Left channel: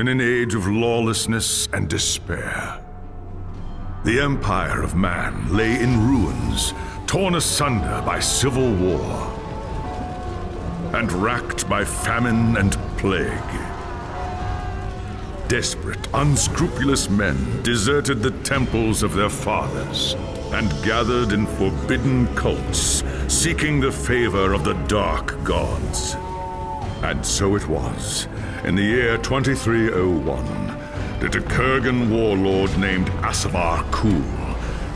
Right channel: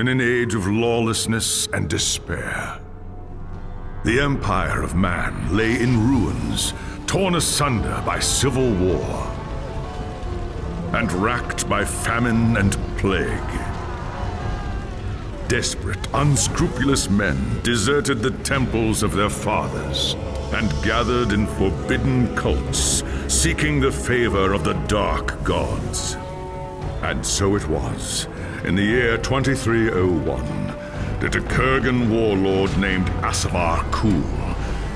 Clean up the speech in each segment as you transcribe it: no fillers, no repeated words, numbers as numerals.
in an age of lawlessness and despair. The empire of man lay in ruins, torn asunder by civil war, and racked by famine and plague. Desperate, unscrupulous men deserted the temples of their fathers and gathered in forbidden cults, seeking the favor of the dark gods. And so it was, in the year 2301, that a Kurgan warlord named Asavar Kul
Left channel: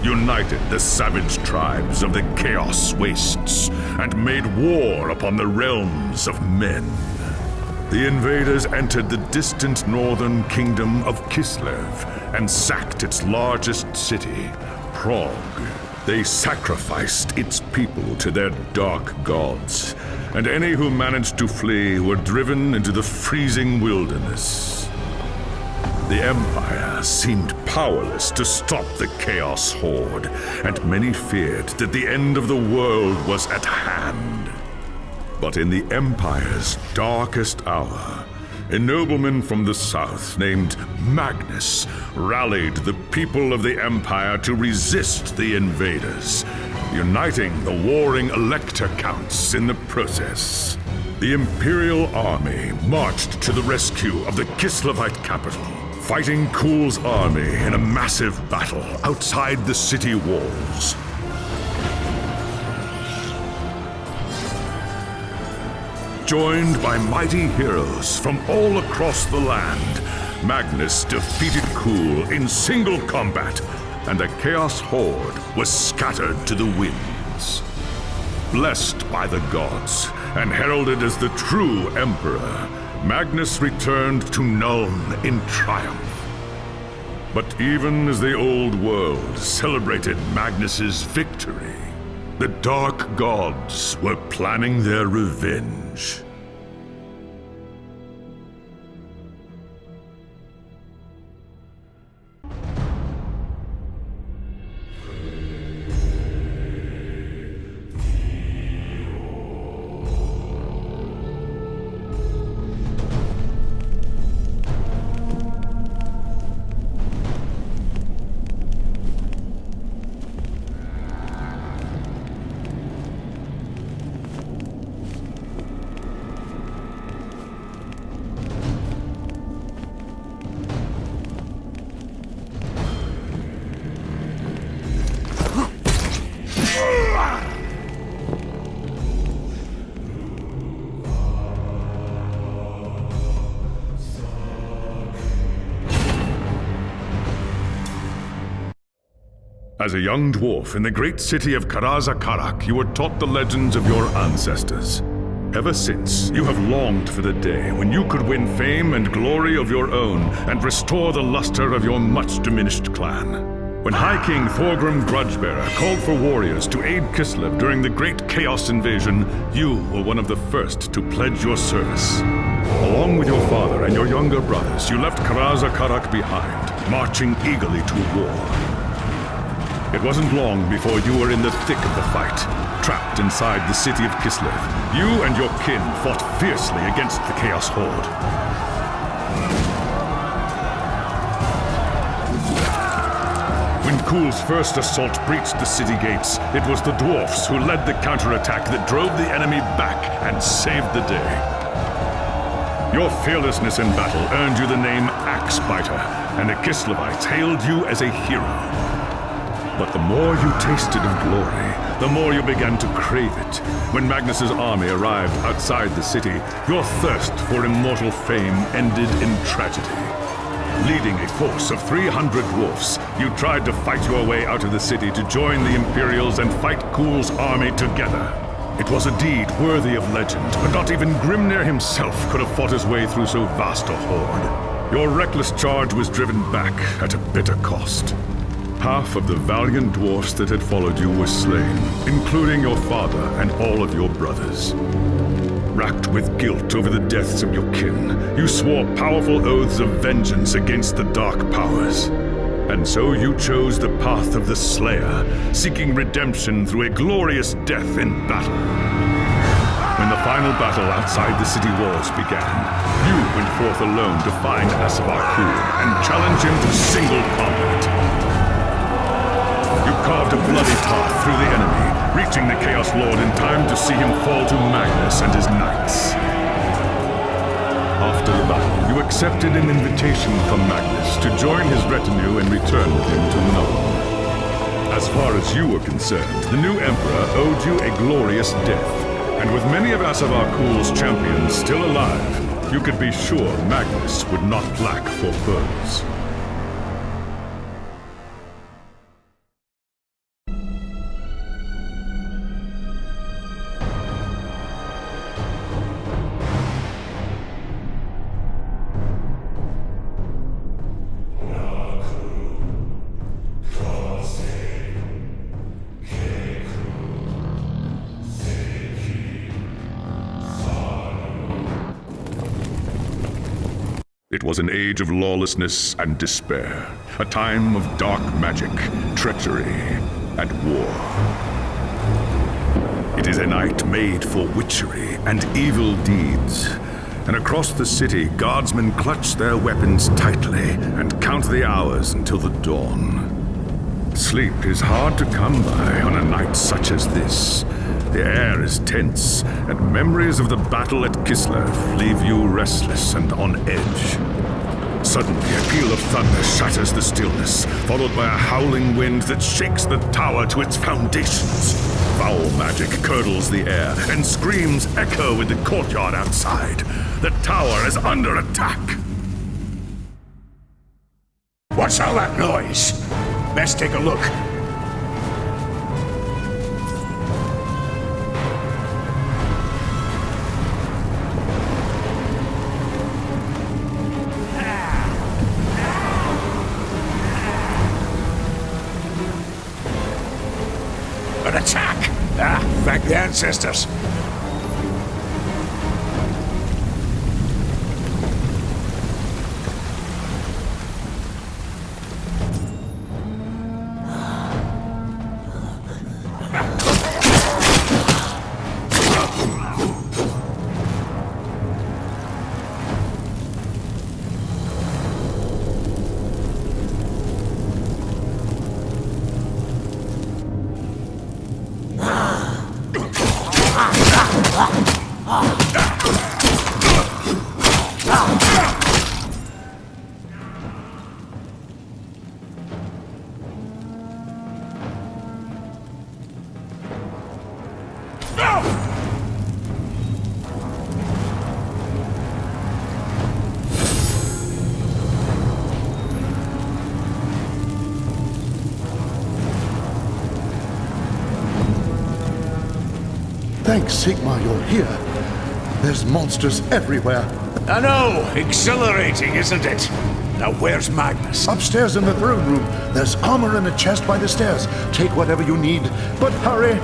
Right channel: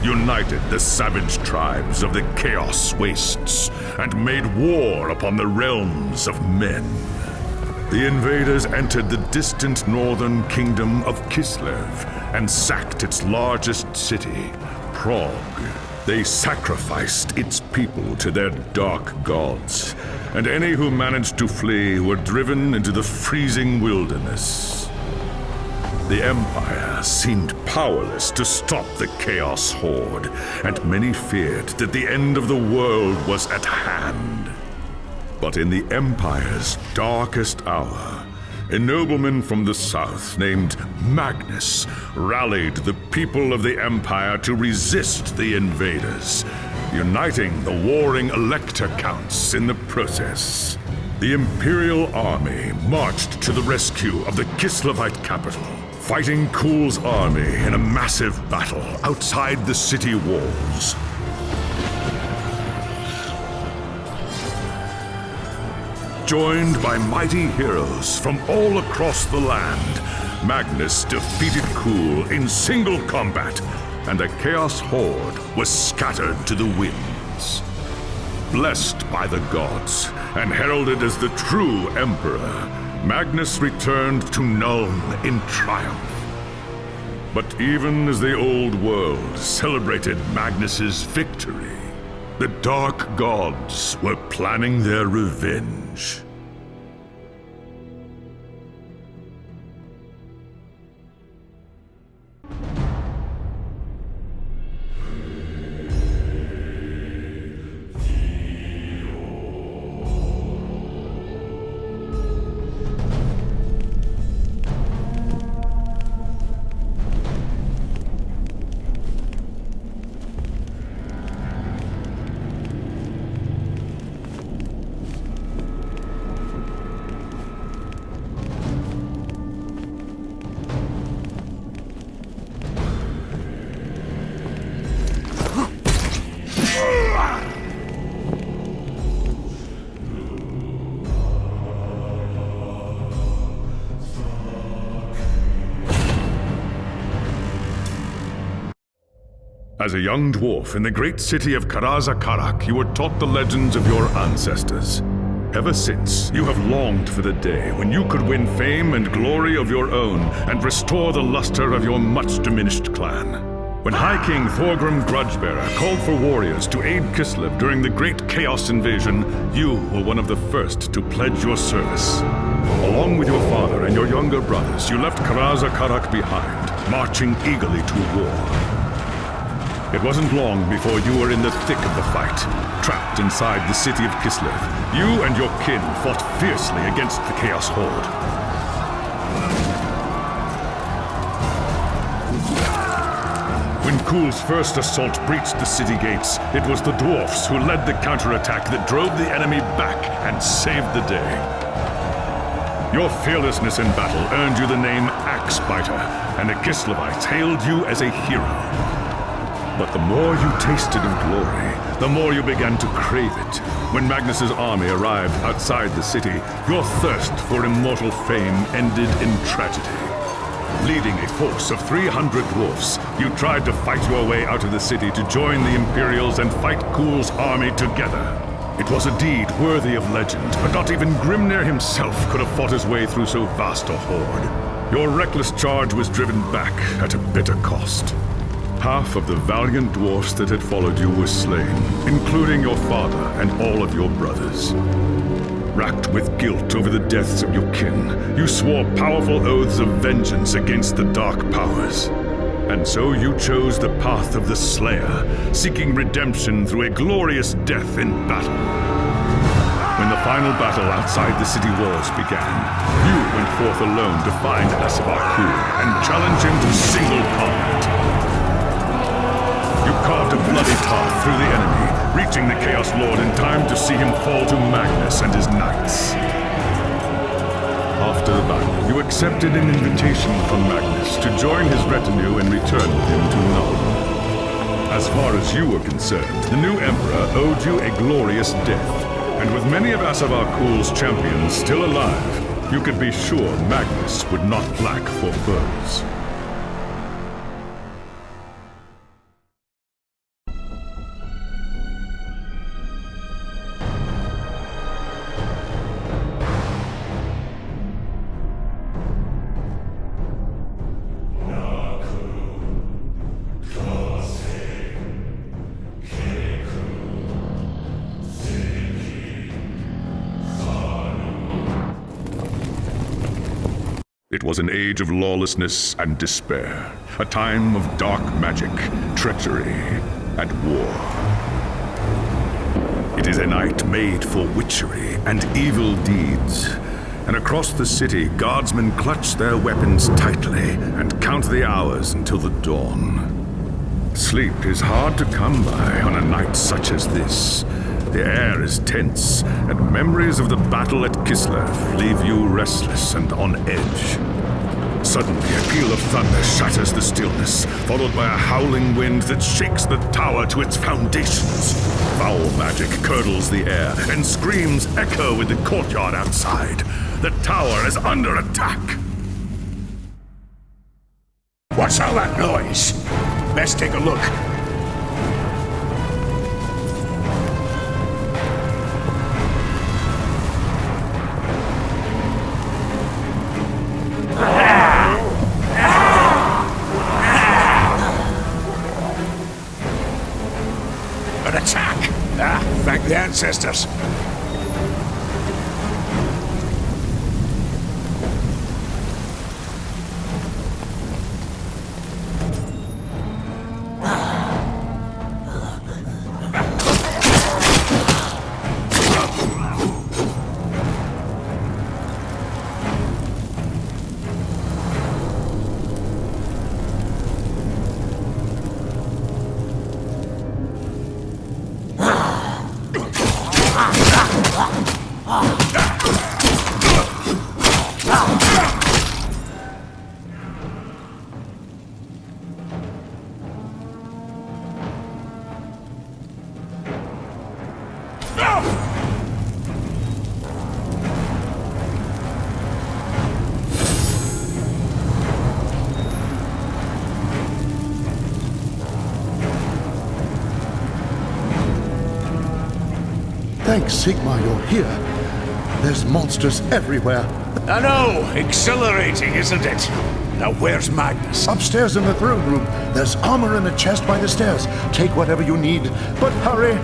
united the savage tribes of the Chaos Wastes and made war upon the realms of men. The invaders entered the distant northern kingdom of Kislev and sacked its largest city, Prague. They sacrificed its people to their dark gods, and any who managed to flee were driven into the freezing wilderness. The Empire seemed powerless to stop the Chaos Horde, and many feared that the end of the world was at hand. But in the Empire's darkest hour, a nobleman from the south named Magnus rallied the people of the Empire to resist the invaders, uniting the warring Elector Counts in the process. The Imperial army marched to the rescue of the Kislevite capital, fighting Kul's army in a massive battle outside the city walls. Joined by mighty heroes from all across the land, Magnus defeated Kul in single combat, and the Chaos Horde was scattered to the winds. Blessed by the gods and heralded as the true Emperor, Magnus returned to Nuln in triumph. But even as the old world celebrated Magnus's victory, the Dark Gods were planning their revenge. As a young dwarf in the great city of Karazakarak, you were taught the legends of your ancestors. Ever since, you have longed for the day when you could win fame and glory of your own and restore the luster of your much-diminished clan. When High King Thorgrim Grudgebearer called for warriors to aid Kislev during the Great Chaos Invasion, you were one of the first to pledge your service. Along with your father and your younger brothers, you left Karazakarak behind, marching eagerly to war. It wasn't long before you were in the thick of the fight, trapped inside the city of Kislev. You and your kin fought fiercely against the Chaos Horde. When Kul's first assault breached the city gates, it was the dwarfs who led the counterattack that drove the enemy back and saved the day. Your fearlessness in battle earned you the name Axebiter, and the Kislevites hailed you as a hero. But the more you tasted of glory, the more you began to crave it. When Magnus's army arrived outside the city, your thirst for immortal fame ended in tragedy. Leading a force of 300 dwarfs, you tried to fight your way out of the city to join the Imperials and fight Kul's army together. It was a deed worthy of legend, but not even Grimnir himself could have fought his way through so vast a horde. Your reckless charge was driven back at a bitter cost. Half of the valiant dwarfs that had followed you were slain, including your father and all of your brothers. Racked with guilt over the deaths of your kin, you swore powerful oaths of vengeance against the dark powers. And so you chose the path of the Slayer, seeking redemption through a glorious death in battle. When the final battle outside the city walls began, you went forth alone to find Asavakur and challenge him to single combat. You carved a bloody path through the enemy, reaching the Chaos Lord in time to see him fall to Magnus and his knights. After the battle, you accepted an invitation from Magnus to join his retinue and return with him to Nuln. As far as you were concerned, the new Emperor owed you a glorious death. And with many of Asavakur's champions still alive, you could be sure Magnus would not lack for foes. It was an age of lawlessness and despair, a time of dark magic, treachery, and war. It is a night made for witchery and evil deeds, and across the city, guardsmen clutch their weapons tightly and count the hours until the dawn. Sleep is hard to come by on a night such as this. The air is tense, and memories of the battle at Kislev leave you restless and on edge. Suddenly, a peal of thunder shatters the stillness, followed by a howling wind that shakes the tower to its foundations. Foul magic curdles the air, and screams echo in the courtyard outside. The tower is under attack. What's all that noise? Let's take a look. An attack! Thank the ancestors. Thanks, Sigmar, you're here. There's monsters everywhere. I know! Exhilarating, isn't it? Now where's Magnus? Upstairs in the throne room. There's armor in a chest by the stairs. Take whatever you need, but hurry!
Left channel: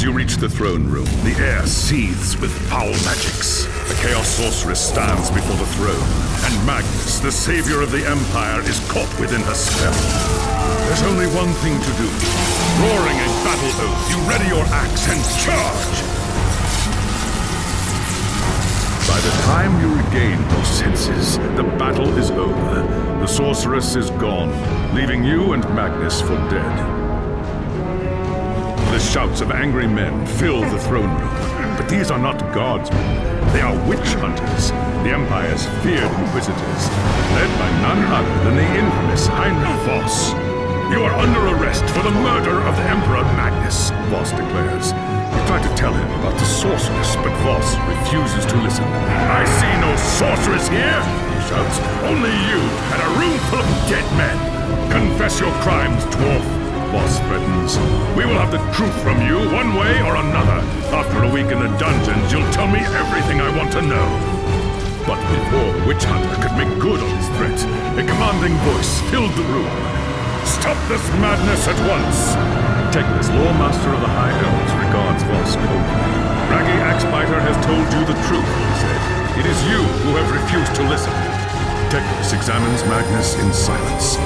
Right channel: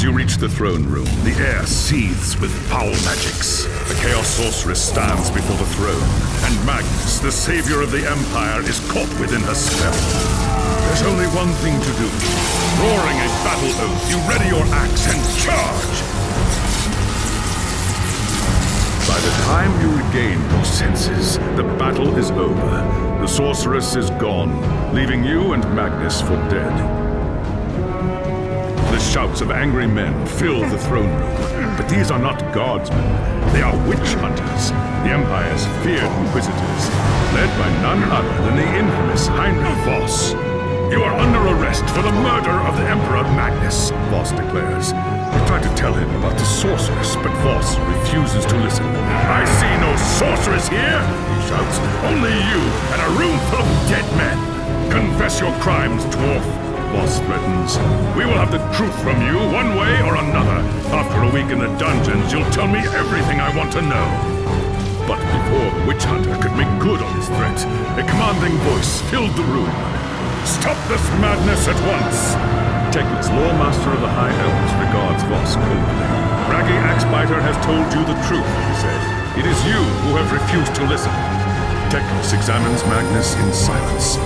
As you reach the throne room, the air seethes with foul magics. The Chaos Sorceress stands before the throne, and Magnus, the savior of the Empire, is caught within her spell. There's only one thing to do. Roaring a battle oath, you ready your axe and charge! By the time you regain your senses, the battle is over. The sorceress is gone, leaving you and Magnus for dead. The shouts of angry men fill the throne room, but these are not guardsmen. They are witch hunters, the Empire's feared inquisitors, led by none other than the infamous Heinrich Voss. You are under arrest for the murder of the Emperor Magnus, Voss declares. You try to tell him about the sorceress, but Voss refuses to listen. I see no sorceress here, he shouts. Only you and a room full of dead men. Confess your crimes, dwarf, Voss threatens. We will have the truth from you one way or another. After a week in the dungeons, you'll tell me everything I want to know. But before the witch hunter could make good on his threat, a commanding voice filled the room. Stop this madness at once! Teclis, Lawmaster of the High Elves, regards Voss coldly. Raggy Axebiter has told you the truth, he said. It is you who have refused to listen. Teclis examines Magnus in silence.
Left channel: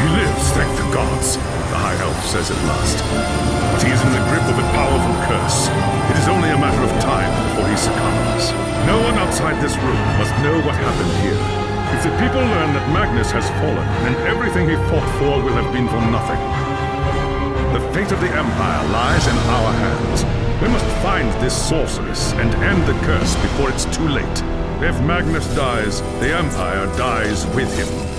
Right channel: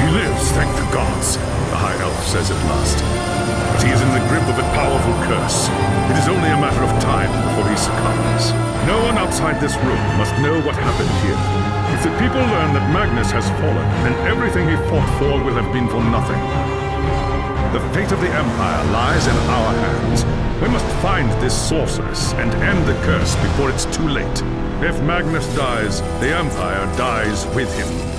He lives, thank the gods, the High Elf says at last. But he is in the grip of a powerful curse. It is only a matter of time before he succumbs. No one outside this room must know what happened here. If the people learn that Magnus has fallen, then everything he fought for will have been for nothing. The fate of the Empire lies in our hands. We must find this sorceress and end the curse before it's too late. If Magnus dies, the Empire dies with him.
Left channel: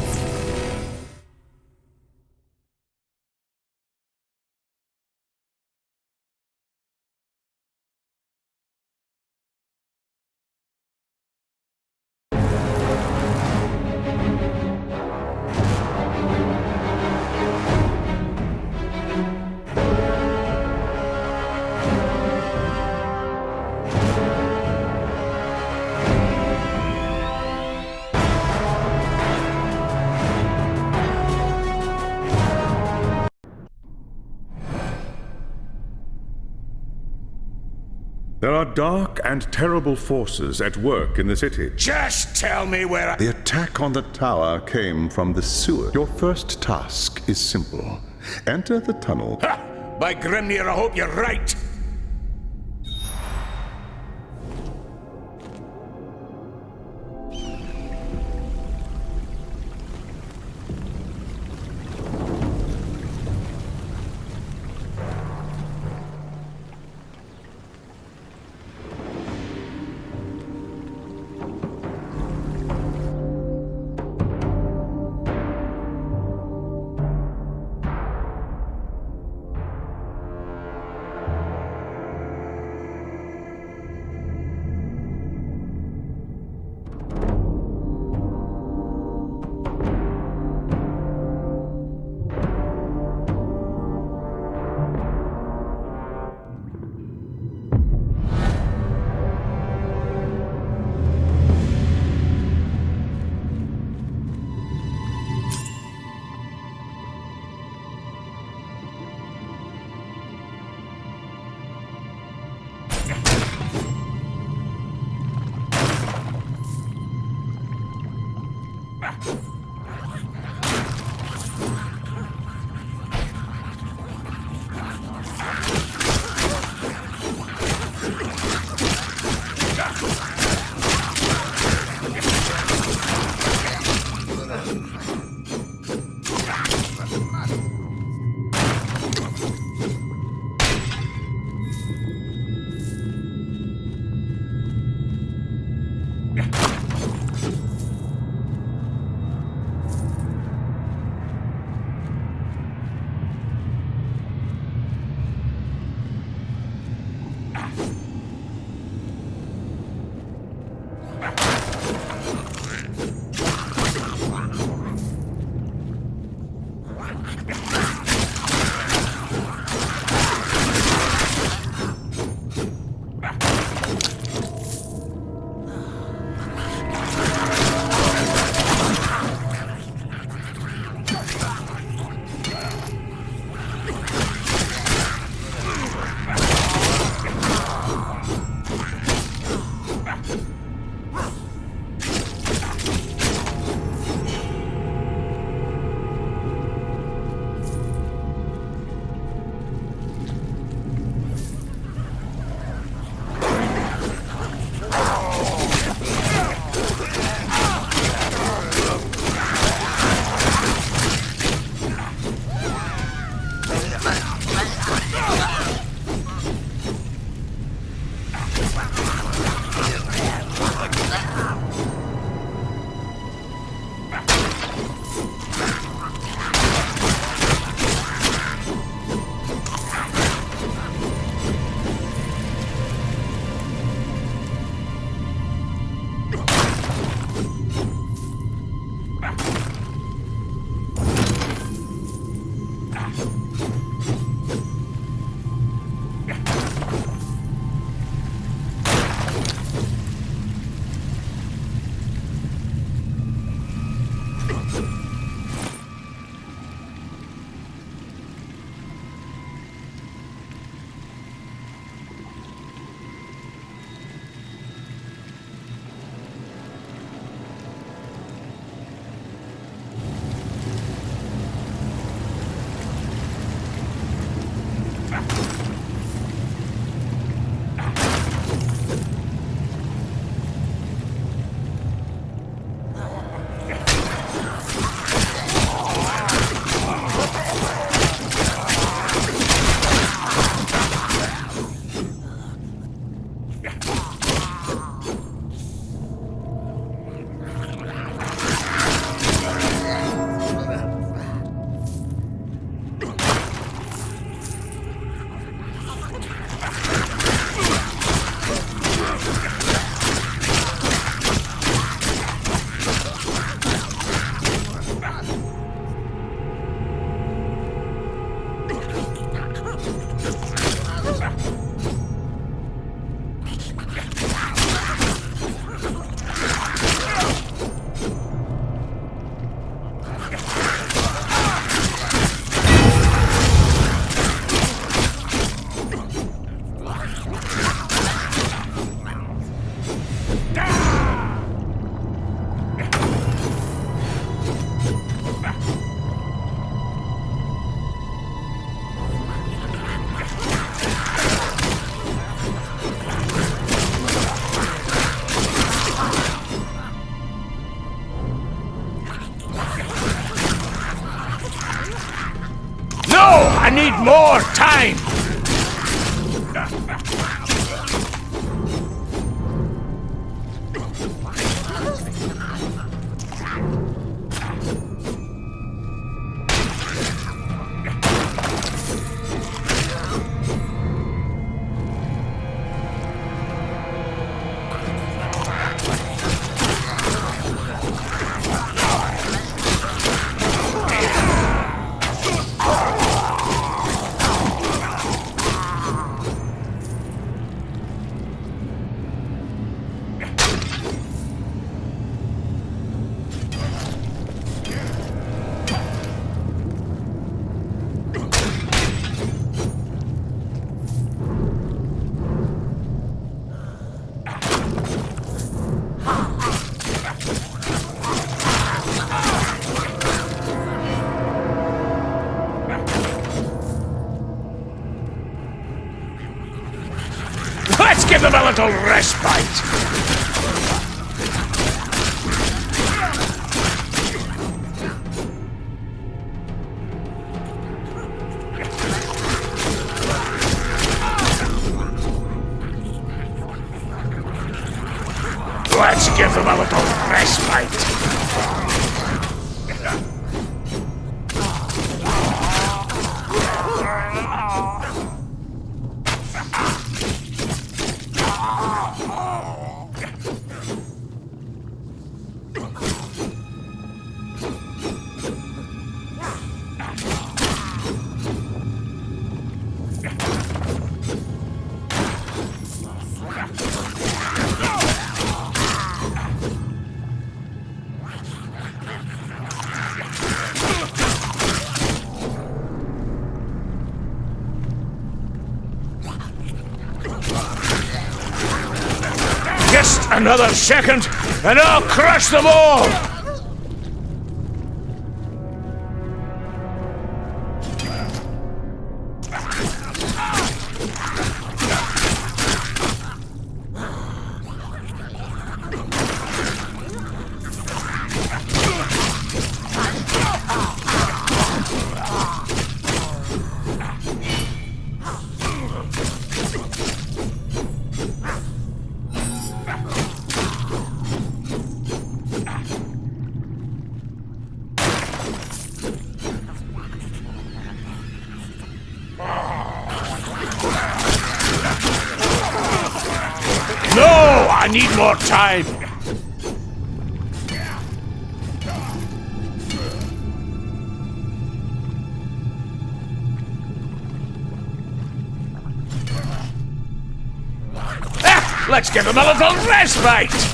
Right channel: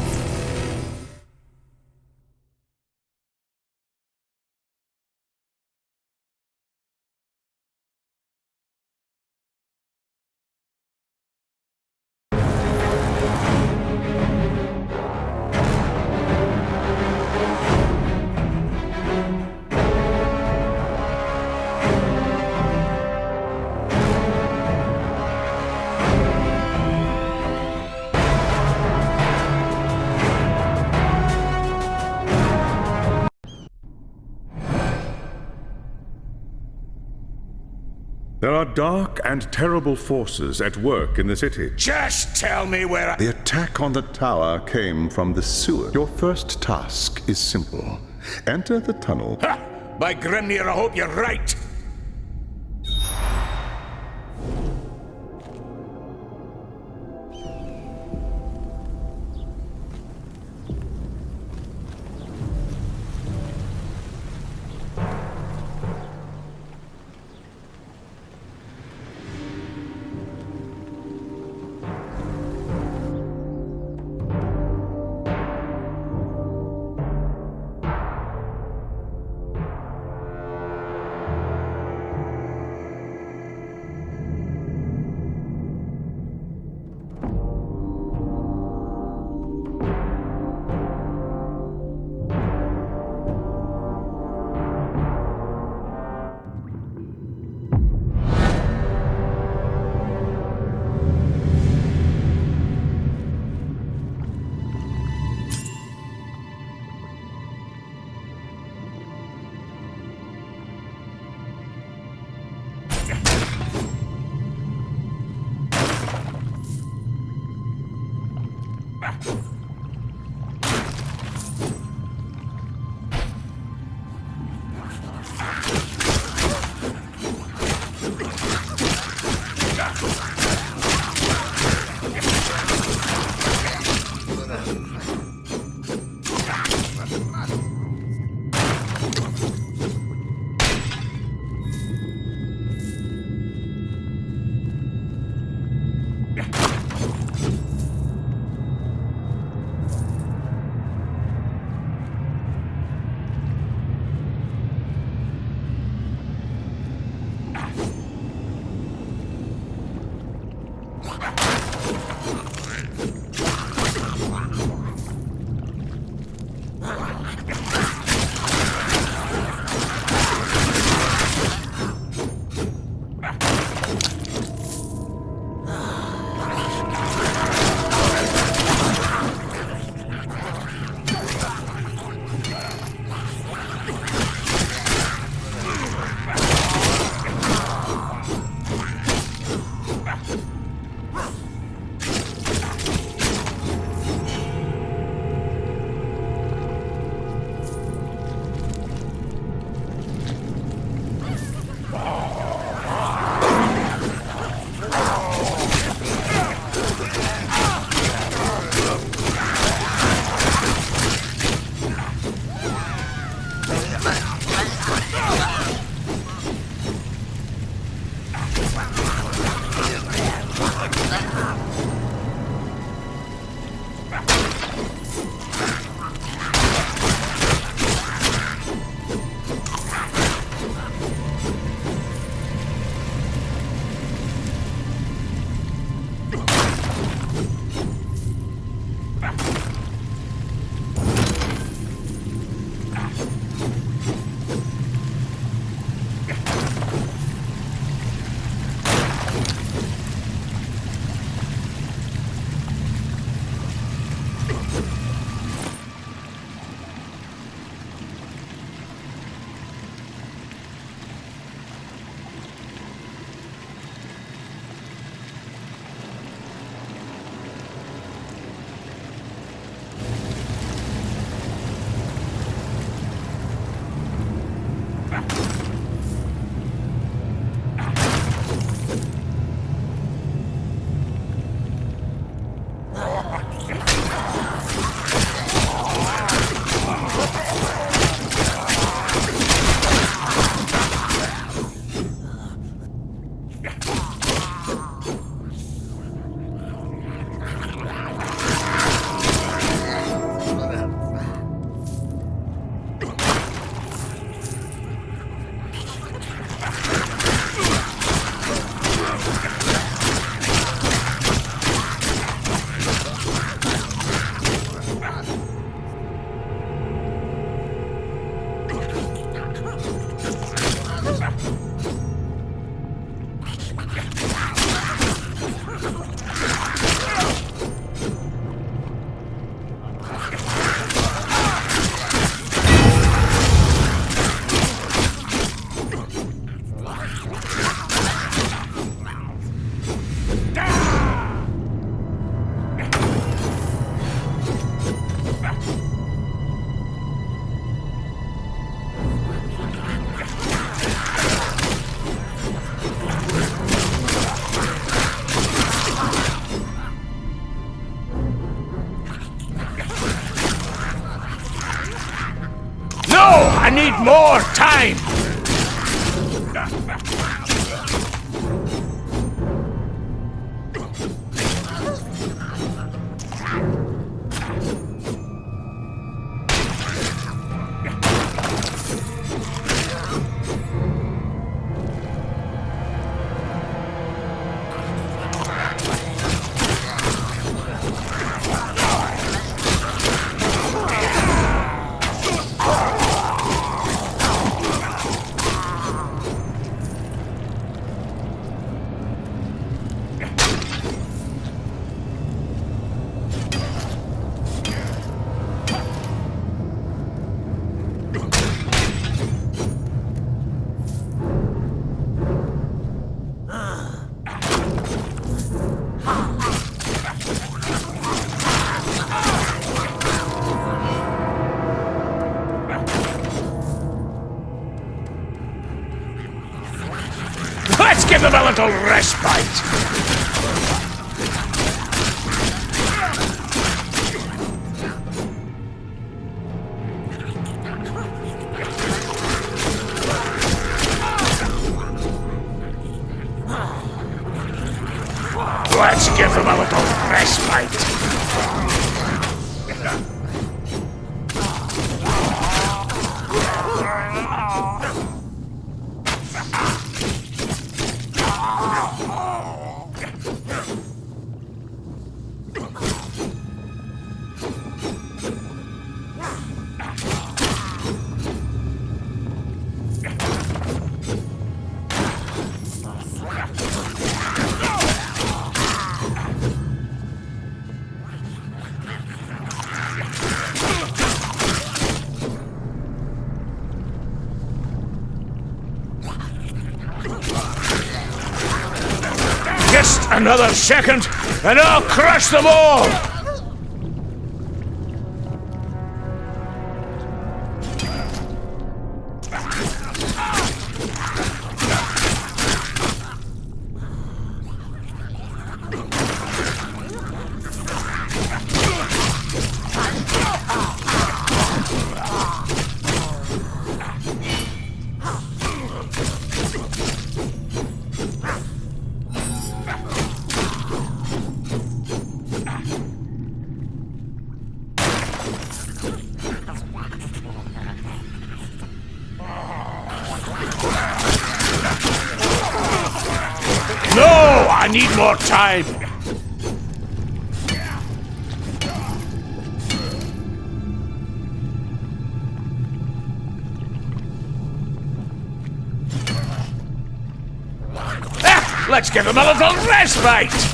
There are dark and terrible forces at work in the city. Just tell me where I... The attack on the tower came from the sewer. Your first task is simple. Enter the tunnel. Ha! By Grimnir, I hope you're right! need more time! Let's give them a little respite! Let's give them a little respite! Just another second, and I'll crush them all! No! I need more time! Let's give them a little respite!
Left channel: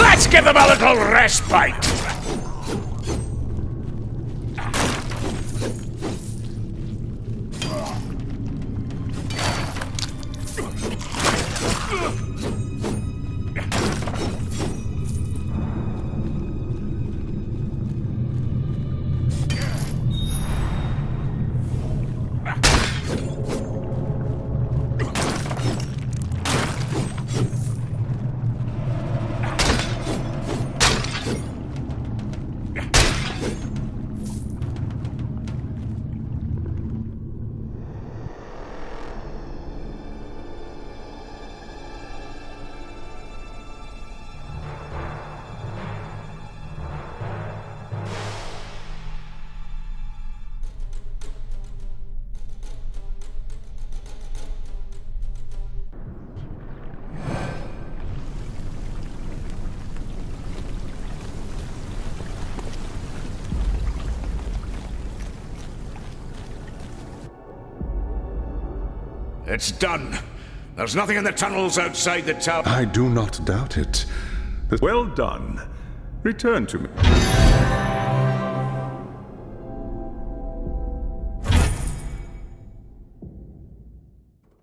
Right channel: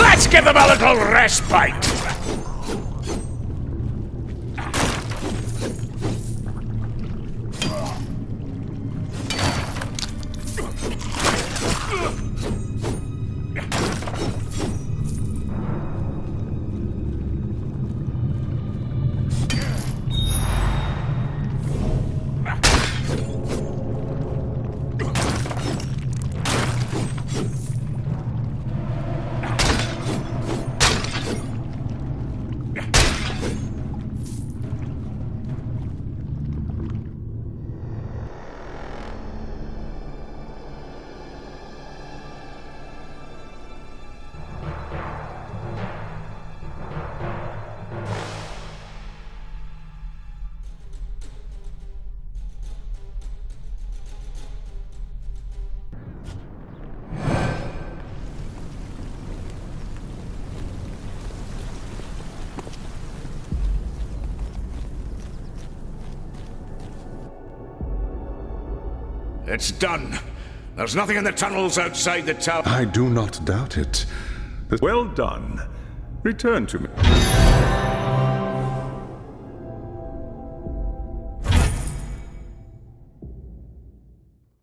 Let's give them a little respite! It's done. There's nothing in the tunnels outside the tower. I do not doubt it. Well done. Return to me.